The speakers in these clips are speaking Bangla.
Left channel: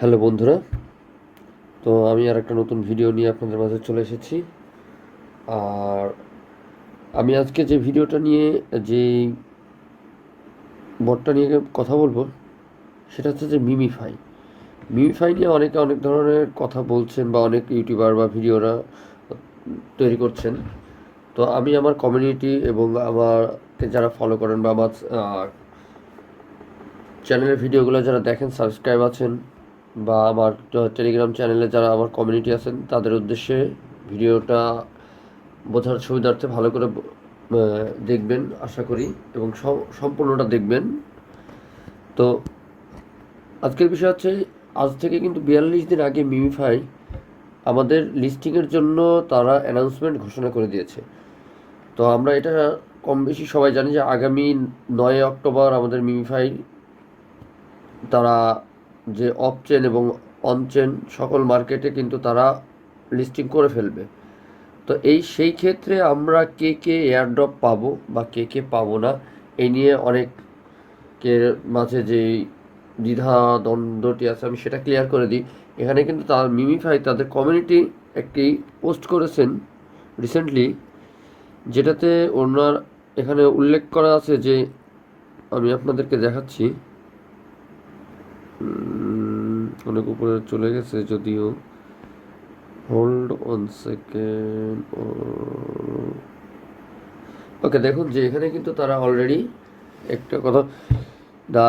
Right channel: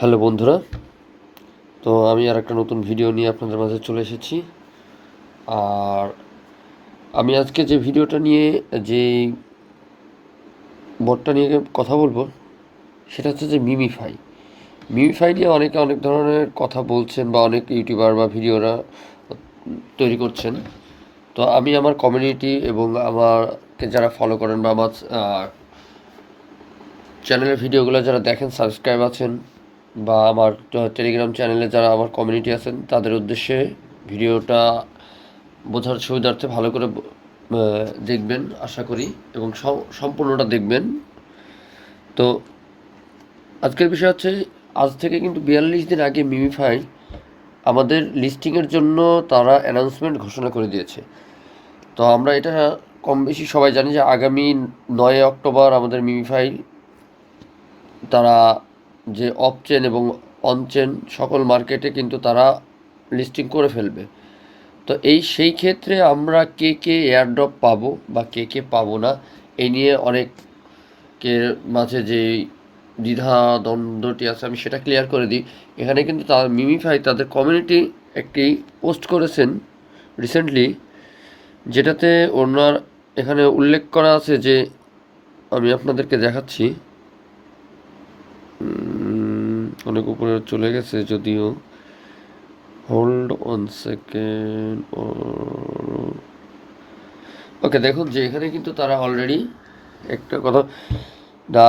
হ্যালো বন্ধুরা, তো আমি আর একটা নতুন ভিডিও নিয়ে আপনাদের মাঝে চলে এসেছি। আর আমি আজকে যে ভিডিওটা নিয়ে, যে বোর্ডটা নিয়ে কথা বলব, সেটা হচ্ছে যে মিমিফাই মিমিফাই নিয়ে অনেকে অনেক ধরনের কথা বলছেন বা অনেক ইউটিউবার বা ভিডিওরা তৈরি করছেন। তো আমি আমার কমিউনিটি এবং আমাকে যারা ফলো করেন বা আমার চ্যানেলের ভিডিওগুলো যারা দেখেন সাবস্ক্রাইব আছেন বা আমার টেলিগ্রাম চ্যানেলে যারা আমার কমিউনিটি আছেন, তাদের উদ্দেশ্যে ভিডিওটা বোঝার সুবিধার্থে ভালো করে দেখবেন, আশা করি, এবং সম্পূর্ণটা দেখবেন। তো আজকের বিষয় হচ্ছে, আজ থেকে কিন্তু বিয়াল্লিশ দিন আগে মিমিফাই আমাদের লিস্টিংয়ের জন্য তারা অ্যানাউন্সমেন্ট ঘোষণা করে দিয়েছে। তো আমরা এটা কম বেশি সবাই জানি যে আগামী নয় অক্টোবর আমাদের মিমিফাই তারা যে অফ চেন এবং অন চেন সকল মার্কেটে কিন্তু তারা লিস্টিং করে ফেলবে। তো এই সেই ক্ষেত্রে আমরা কে কে এয়ারড্রপ পাবো বা কে কে পাবো না এই নিয়ে অনেকের মাঝে যে দ্বিধা দ্বন্দ্বটি আছে আমি সেটা ক্লিয়ার করে দিই। এখানে কিন্তু তার মিমিফাই তাদের কমিউনিটি একটি পোস্ট করেছেন রিসেন্টলি যেটাতে ওনার এখানে উল্লেখ করা আছে যে আমি আপনাদেরকে দেখাচ্ছি। অনেক উপরে চলে গেছে, যদিও। হোল্ড অন সেকেন্ড ওকে দেখুন যে এখানে কিন্তু তারা অলরেডি একটা কথা the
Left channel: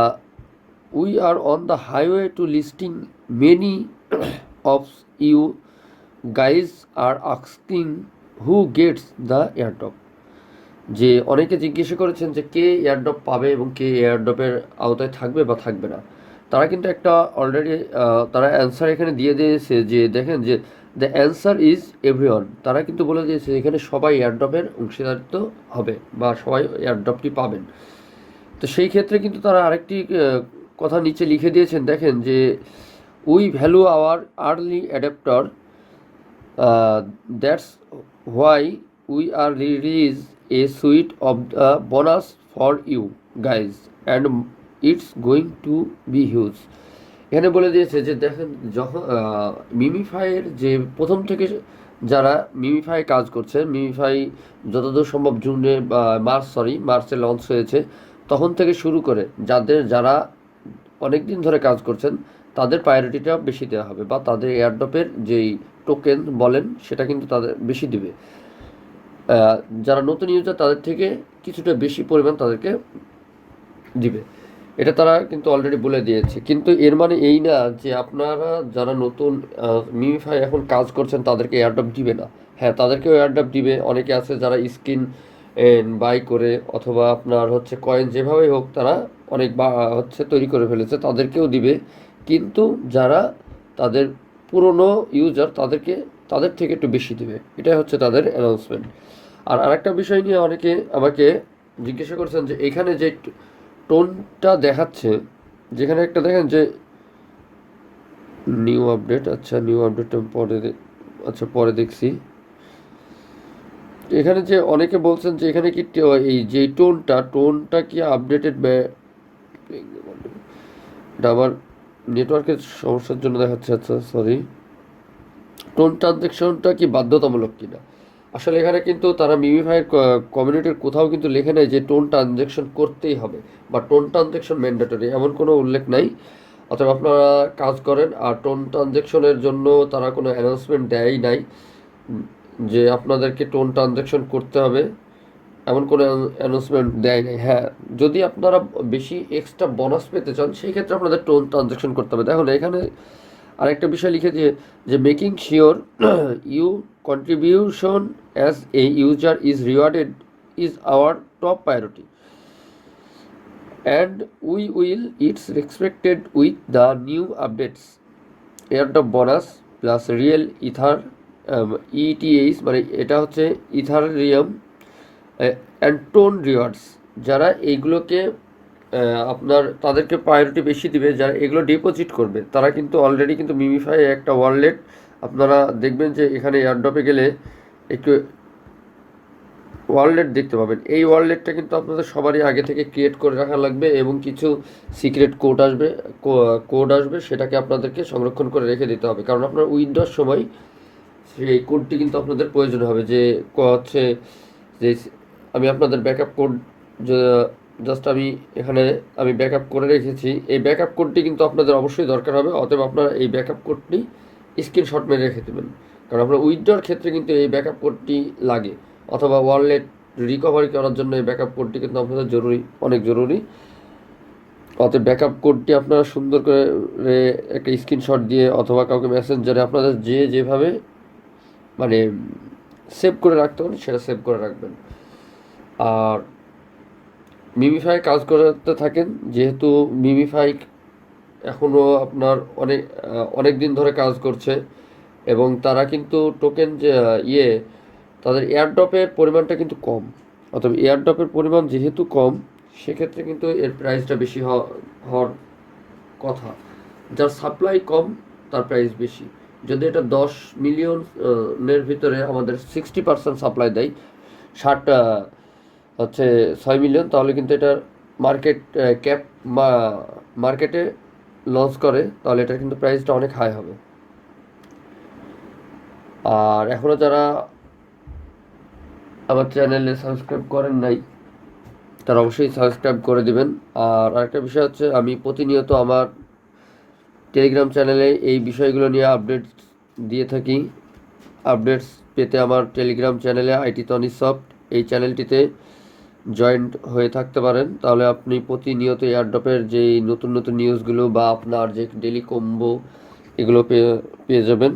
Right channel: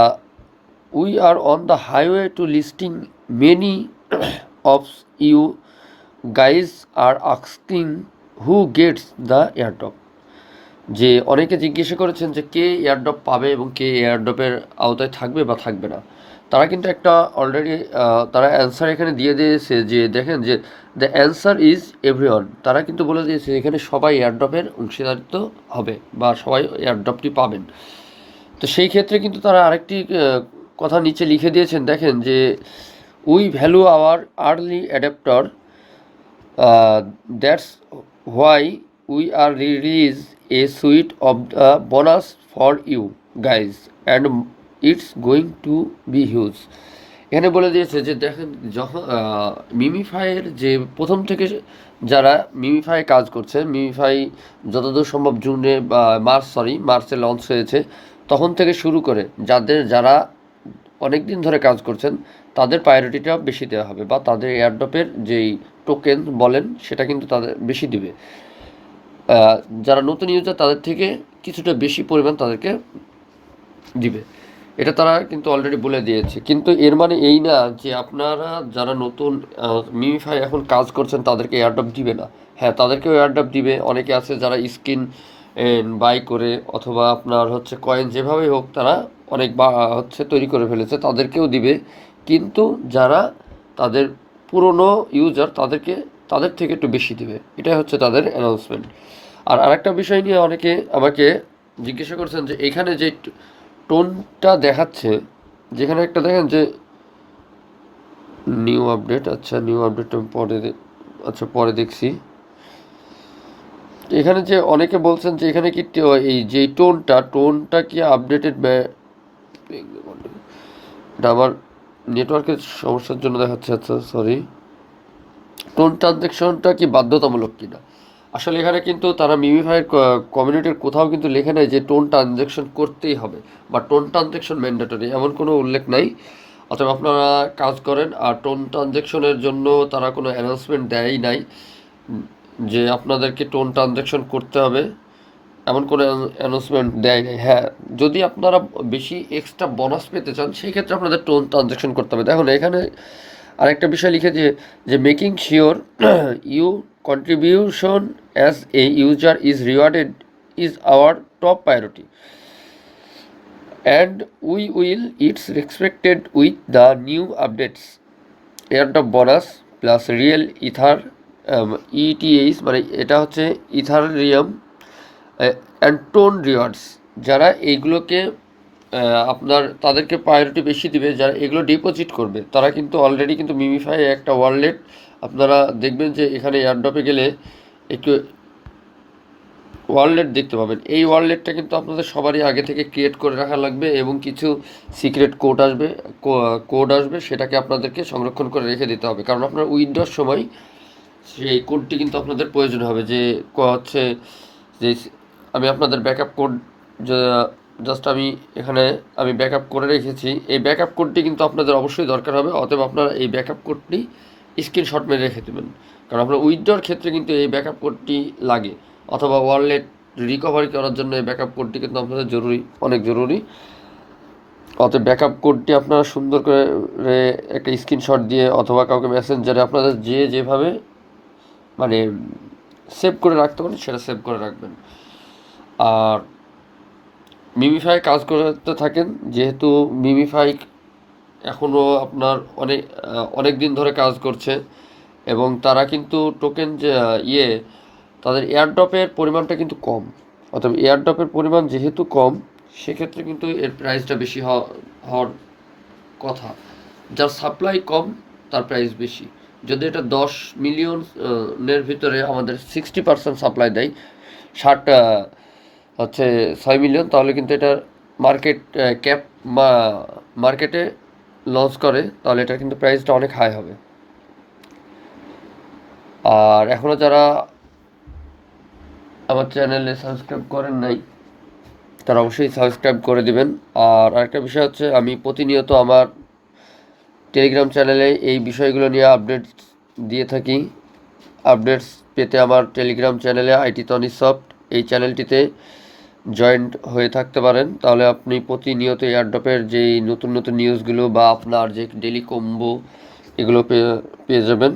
we are on the highway to listing many of you guys are asking who gets the airdrop যে অনেকে জিজ্ঞাসা করেছেন যে কে এয়ারড্রপ পাবে এবং কে এয়ারড্রপের আওতায় থাকবে বা থাকবে না। তারা কিন্তু একটা অলরেডি তারা অ্যান্সার এখানে দিয়ে দিয়েছে যে দেখেন যে দ্য অ্যান্সার ইজ এভরিওয়ান তারা কিন্তু বলে দিয়েছে এখানে সবাই এয়ারড্রপের অংশীদারিত্ব হবে বা সবাই এয়ারড্রপটি পাবেন। তো সেই ক্ষেত্রে কিন্তু তারা আরেকটি কথা নিচে লিখে দিয়েছেন, দেখেন যে we value our early adopter that's why we are release a suite of the bonus for you guys and it's going to be huge এখানে বলে দিয়েছে যে দেখেন, যখন মিমিফাইয়ের যে প্রথম থেকে যারা মিমিফাই কাজ করছে মিমিফাই যতদূর সম্ভব জুনে মার্চ সরি মার্চে লঞ্চ হয়েছে, তখন থেকে শুরু করে যাদের, যারা অনেক দিন ধরে কাজ করছেন, তাদের প্রায়োরিটিটা বেশি দেওয়া হবে বা তাদের এয়ারড্রপের যেই টোকেন বলেন, সেটা কিন্তু তাদের বেশি দিবে। যারা নতুন ইউজার তাদের থেকে কিছুটা বেশি পরিমাণ তাদেরকে দিবে। এটা তারা কিন্তু অলরেডি বলে দিয়েছে। কিন্তু এর মানে এই না যে আপনারা যারা নতুন মিমিফাই এখন কাজ করছেন তাদেরকে এয়ারড্রপ দিবে না। হ্যাঁ তাদেরকেও এয়ারড্রপ দিবে। অনেকে আছে যারা স্কিন বাই করে অথবা আপনার হচ্ছে কয়েন যেভাবে হোক তারা অনেক বা হচ্ছে তৈরি করে ফেলেছে, তাদেরকেও দিবে। কিন্তু যারা তাদের পুরনো ইউজার তাদেরকে, তাদের থেকে একটু বেশি দিবে। এটাই হচ্ছে তাদের অ্যানাউন্সমেন্ট আর আরেকটা বিষয় নিয়ে অনেকে আমাকে জিজ্ঞাসা করছেন যে এখানে যে টোনটা দেখাচ্ছে, যেখানে একটা দেখেন যে নিউ আপডেট আচ্ছা নিউ আপডেট পরে আচ্ছা পরে দেখছি। এখানে যে অনেকে বলছেন যে এখানে কি এই যে টোনটা টোনটা কি আপডেটেড এটা আমার নেটওয়ার্কের সমস্যার জন্য দেখাচ্ছে আচ্ছা সরি টোন ট্রানজ্যাকশনটা কি বাধ্যতামূলক কিনা? আসলে এখানে কিন্তু তারা মিমিফাইয়ের কমিউনিটির কোথাও কিন্তু লেখে নাই যে টোন ট্রানজ্যাকশন করতেই হবে। বা টোন ট্রানজ্যাকশন ম্যান্ডেটরি এমন কোনো উল্লেখ নাই। অথবা আপনারা কাজ করেন, আর টোন ট্রানজ্যাকশনের জন্য তারা কোনো অ্যানাউন্সমেন্ট দেয়ই নাই, যে আপনাদেরকে টোন ট্রানজ্যাকশন করতে হবে। এমন কোনো অ্যানাউন্সমেন্ট দেয় নাই। হ্যাঁ যদি আপনারা বেশি এক্সট্রা বোনাস পেতে চান, সেই ক্ষেত্রে আপনাদের টোন ট্রানজ্যাকশন করতে হবে। দেখুন, এখানে আরেকটা বিষয় লিখেছে যে making sure you contribution as a user is rewarded is our top priority and we will it's respected with the new updates airdrop bonus plus real ether ETH মানে এটা হচ্ছে ইথারিয়াম অ্যান্ড টোন রিওয়ার্ডস যারা এইগুলোকে আপনার তাদেরকে প্রায়োরিটি বেশি দিবে, যারা এগুলো ডিপোজিট করবে, তারা কিন্তু অলরেডি কিন্তু মিমিফাই একটা ওয়ালেট আপনারা দেখবেন যে এখানে এয়ারড্রপে গেলে একটু ওয়ালেট দেখতে পাবেন। এই ওয়ালেটটা কিন্তু আপনাদের সবারই আগে থেকে ক্রিয়েট করে রাখা লাগবে এবং কিছু সিক্রেট কোড আসবে কোড আসবে, সেটাকে আপনাদেরকে সংরক্ষণ করে রেখে দিতে হবে। কারণ আপনার উইন্ডোর সময়, সেই কোডটি কিন্তু আপনাদের প্রয়োজন হবে যে হচ্ছে যে, আমি আপনাদের ব্যাকআপ কোড জাস্ট আমি এখানে আমি ব্যাকআপ করে রেখেছি। এই ব্যাকআপ কোডটি কিন্তু আপনাদের অবশ্যই দরকার হবে, অতএব আপনারা এই ব্যাকআপ কোডটি স্ক্রিনশট মেরে রেখে দেবেন। কারণ আপনার উইথড্রর ক্ষেত্রে কিন্তু এই ব্যাকআপ কোডটি লাগে, অথবা ওয়ালেট রিকভারি করার জন্য এই ব্যাকআপ কোডটি কিন্তু আপনাদের জরুরি, অনেক জরুরি। অতএব ব্যাকআপ কোডটি আপনারা সুন্দর করে একটা স্ক্রিনশট দিয়ে অথবা কাউকে মেসেঞ্জারে আপনাদের যে যেভাবে মানে সেভ করে রাখতে পারেন, সেটা সেভ করে রাখবেন। আর মিমিফাই কাজ করতে থাকেন, যেহেতু মিমিফাই এখনও আপনার অনেক অনেক দিন ধরে কাজ করছে এবং তারা কিন্তু টোকেন যে ইয়ে তাদের এয়ারড্রপের পরিমাণটা কিন্তু কম। অর্থাৎ এয়ারড্রপের পরিমাণ যেহেতু কম, সেক্ষেত্রে কিন্তু এর প্রাইসটা বেশি হওয়া- হওয়ার কথা। যার সাপ্লাই কম, তার প্রাইস বেশি। যদি এটা দশ মিলিয়ন এর ভিতরে আমাদের সিক্সটি পার্সেন্ট সাপ্লাই দেয়, ষাট হচ্ছে ছয় মিলিয়ন তাহলে কিন্তু এটার মার্কেট ক্যাপ বা মার্কেটে লঞ্চ করে, তাহলে এটার কিন্তু প্রাইসটা অনেক হাই হবে। আর এখনও যারা আমার চ্যানেলে সাবস্ক্রাইব করেন নাই, তারা অবশ্যই সাবস্ক্রাইব করে দিবেন। আর আরেকটা বিষয় হচ্ছে, আমি প্রতিনিয়ত আমার টেলিগ্রাম চ্যানেলে এই বিষয়গুলো নিয়ে আপডেট দিয়ে থাকি। আপডেটস পেতে আমার টেলিগ্রাম চ্যানেলে আইটি টনি সফট, এই চ্যানেলটিতে জয়েন্ট হয়ে থাকতে পারেন, তাহলে আপনি প্রতিনিয়ত এয়ারড্রপের যেই নতুন নতুন নিউজগুলো বা আপনার যে ডেলি কম্বো এগুলো পেয়ে পেয়ে যাবেন।